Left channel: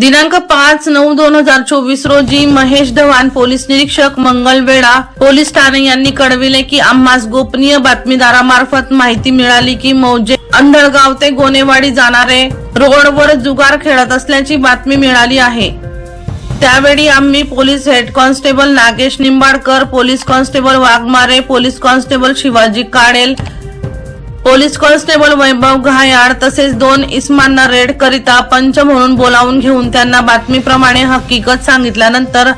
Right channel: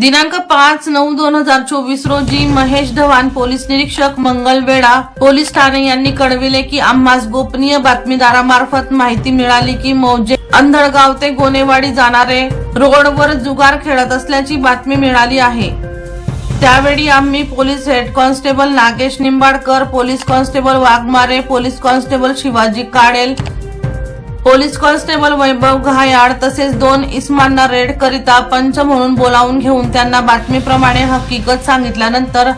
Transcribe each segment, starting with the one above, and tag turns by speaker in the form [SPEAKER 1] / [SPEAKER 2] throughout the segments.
[SPEAKER 1] दिनांक पाच नऊ दोन हजार चोवीस रोजी महेश धवान पोलीस निरीक्षक मंगलवेढा पोलीस ठाणे यांनी कळविले की आम्हास गोपनीय बातमीदारामार्फत माहिती मिळाली की मौजे अंधळगाव ते गोनेवाडी जाणारे रोडवर जुगार खेळत असल्याची बातमी मिळाली आहे. त्यावेळी आम्ही police head constable Nagesh Nimbadkar police constable Waghmare police constable Shivaji Kadel police constable Vaibhav Ghayal तसेच दोन इस्मांना रेड करिता पंच म्हणून बोलावून घेऊन त्यांना बातमीप्रमाणे हकीकत सांगितल्यानंतर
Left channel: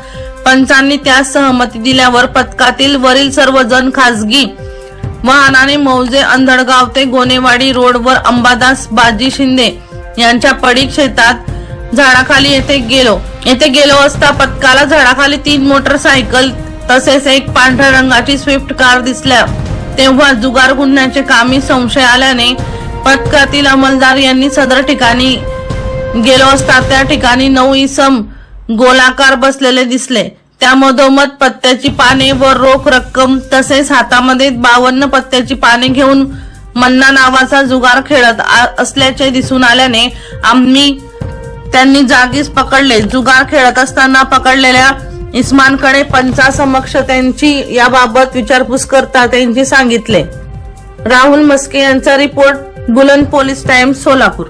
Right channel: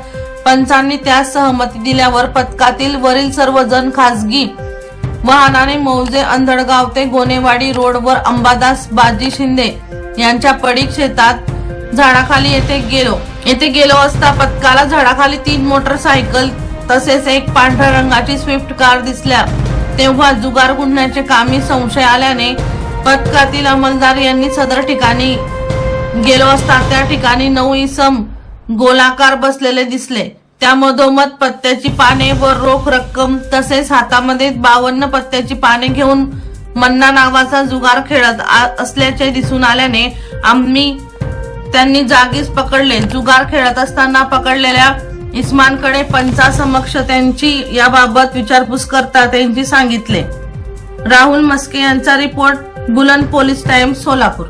[SPEAKER 1] पंचांनी त्यास सहमती दिल्यावर पथकातील वरील सर्व जण खासगी वाहनाने मौजे अंधळगाव ते गोनेवाडी रोडवर अंबादास बाजी शिंदे यांच्या पडीक शेतात झाडाखाली येथे गेलो. येथे गेलो असता पथकाला झाडाखाली तीन मोटरसायकल तसेच एक पांढऱ्या रंगाची स्विफ्ट कार दिसल्या. तेव्हा जुगार गुन्ह्याचे कामी संशय आल्याने पथकातील अंमलदार यांनी सदर ठिकाणी गेलो असता त्या ठिकाणी नऊ इसम गोलाकार बसलेले दिसले. त्यामधोमध पत्त्याची पाने व रोख रक्कम तसेच हातामध्ये बावन्न पत्त्याची पाने घेऊन मन्ना नावाचा जुगार खेळत आ- असल्याचे दिसून आल्याने आम्ही त्यांनी जागीच पकडले. जुगार खेळत असताना पकडलेल्या इस्मानकडे पंचासमक्ष त्यांची याबाबत विचारपूस करता त्यांची सांगितले. राहुल मस्के यांचा रिपोर्ट बुलंद पोलीस टाइम्स सोलापूर.